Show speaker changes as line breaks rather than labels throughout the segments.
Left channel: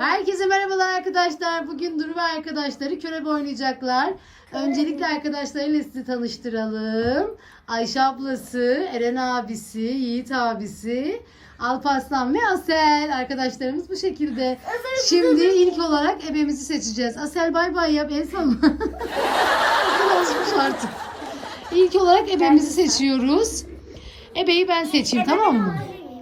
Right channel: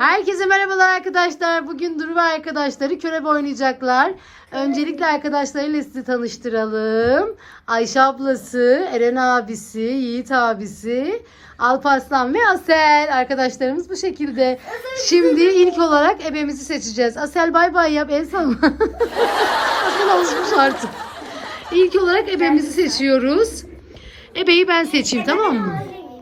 Herkese merhabalar arkadaşlar. Bugün Duru ve arkadaşları körebe oynayacaklar. Öncelikle arkadaşlarıyla sizi tanıştıralım. Ayşe ablası, Eren abisi, Yiğit abisi, Alparslan ve Asel. Arkadaşlarımız bu şekilde. Şimdi ilk olarak ebemizi seçeceğiz. Asel bay bay yap, el salla. Asel olmuş artık. İlk olarak ebemizi seçiyoruz. Ebeyi ben seçeyim, tamam mı?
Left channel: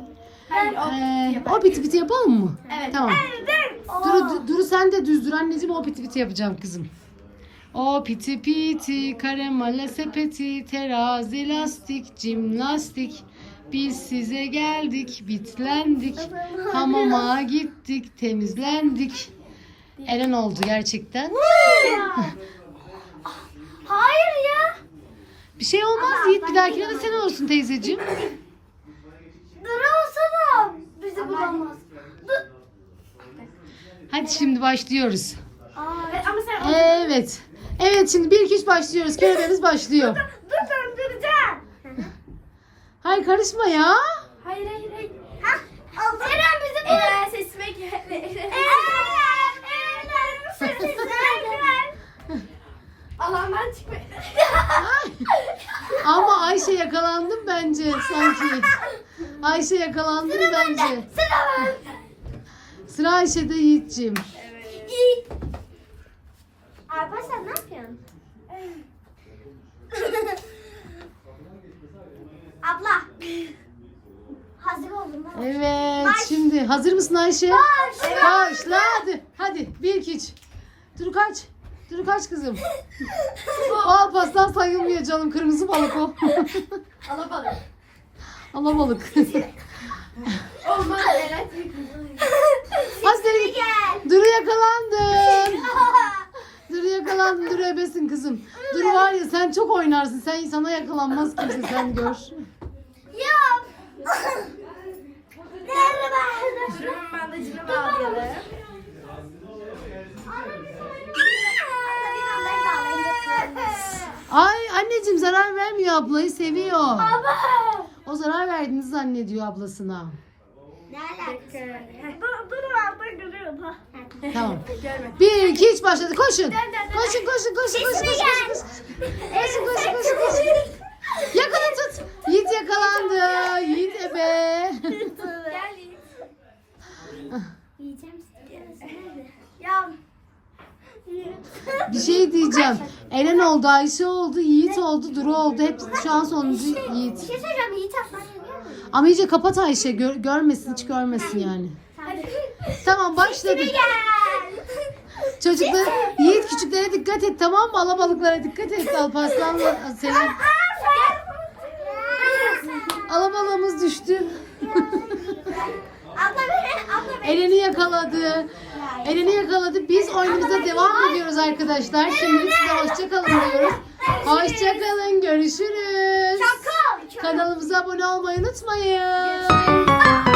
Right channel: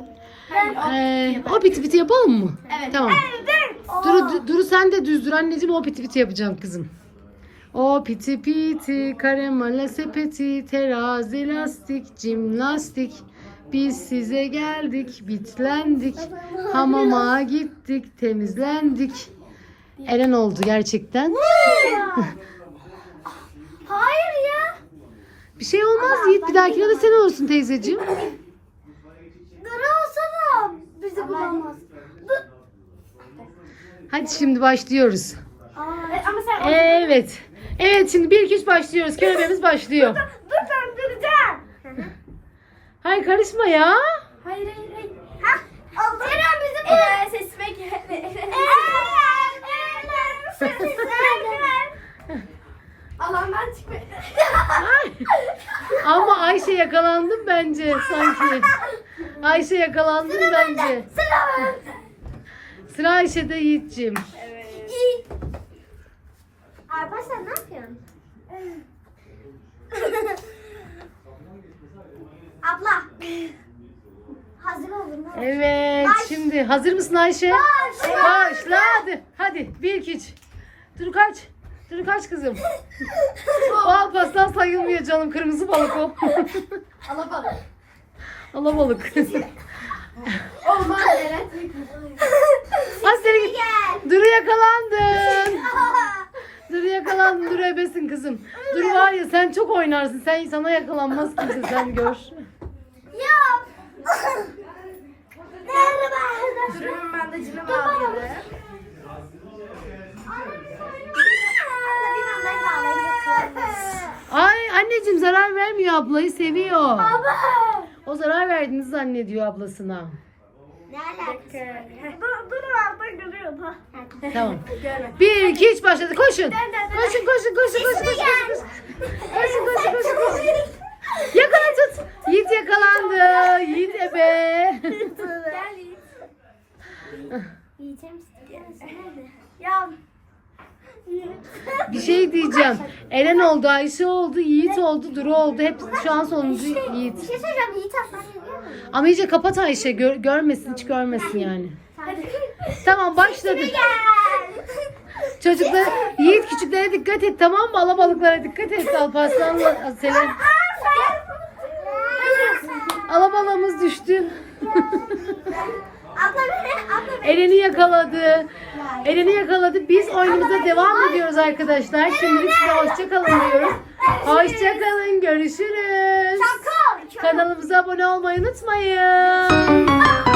O piti piti yapalım mı?
Evet.
Tamam. Duru sen de düz dur anneciğim, o piti piti yapacağım kızım. O piti piti karamele sepeti terazi lastik cimnastik. Biz size geldik bitlendik. Hamama gittik temizlendik. Eren oldu gerçekten.
Hayır ya.
Bir şey olmaz Yiğit, bir dahakine de sen olsun teyzeciğim.
Duru olsa da bizi bulamaz.
Hadi şimdi başlıyoruz.
Ama sen
Evet. Evet şimdi 1 2 3 başlıyoruz. Körebemiz başlıyor.
dur döndüreceğim.
Hayır karışma ya.
Hayır. Ha? Eren bizi bulamaz. Sesime gel. Alandan çıkmayın.
Ay. Ama Ayşe yakalandım bence sanki. Ayşe yakalandım bence.
Sıra ben.
Sıra Ayşe'de Yiğit'ciğim.
İyi. Alparslan ne yapıyorsun? Abla. Hazır oldun mu?
Evet şimdi hazır mısın Ayşe? Başla hadi. Hadi 1 2 3. Dur kaç. Dur kaç kızım. Alparslan sayılmıyor canım, kırmızı balık o.
Alabalık.
Alabalık.
Olmaz Eren.
Hadi seni git. Duru yakalandın. Duru yakalandın. Duru ebesin kızım. Duru var ya, sen çok oynarsın. Sana yakalanmaz kimse, sen gör.
Ya. Merhaba. Durumun bandajını bağlayalım.
Ay anneciğim zarar vermiyor, ablayı seviyor.
Baba.
O zarar verdiğini zannediyor ablasına.
Ne alakası? Dur altta görüyorum ha.
Tamam.
Görme.
1 2 3 başladı. Koşun.
Dön.
Koşun. Koşun. Yakala tut. Yiğit yakalandı. Yiğit ebe.
Gel Yiğit. Yiyeceğim nerede? Ya.
Bir şey diyeceğim. Eren oldu, Ayşe oldu, Yiğit oldu, Duru oldu. Hep şu an sonuncu
Bir
Yiğit.
şey söyleyeceğim. Yiğit aslan geliyor mu?
Ama iyice kapat Ayşe. Görmesin, hiç görmesin yani.
Hadi.
Tamam başladı.
Gel.
Çocuklar, Yiğit küçüklere dikkat et, tamam mı? Alabalıklara dikkat et. Alparslan'la Selen. Alabalığımız düştü.
Abla
Eren'i yakaladı. Eren'i yakaladı. Biz oyunumuza devam ediyoruz arkadaşlar. Şimdi size hoşça kalın diyoruz. Hoşça kalın. Görüşürüz. Kanalımıza abone olmayı unutmayın.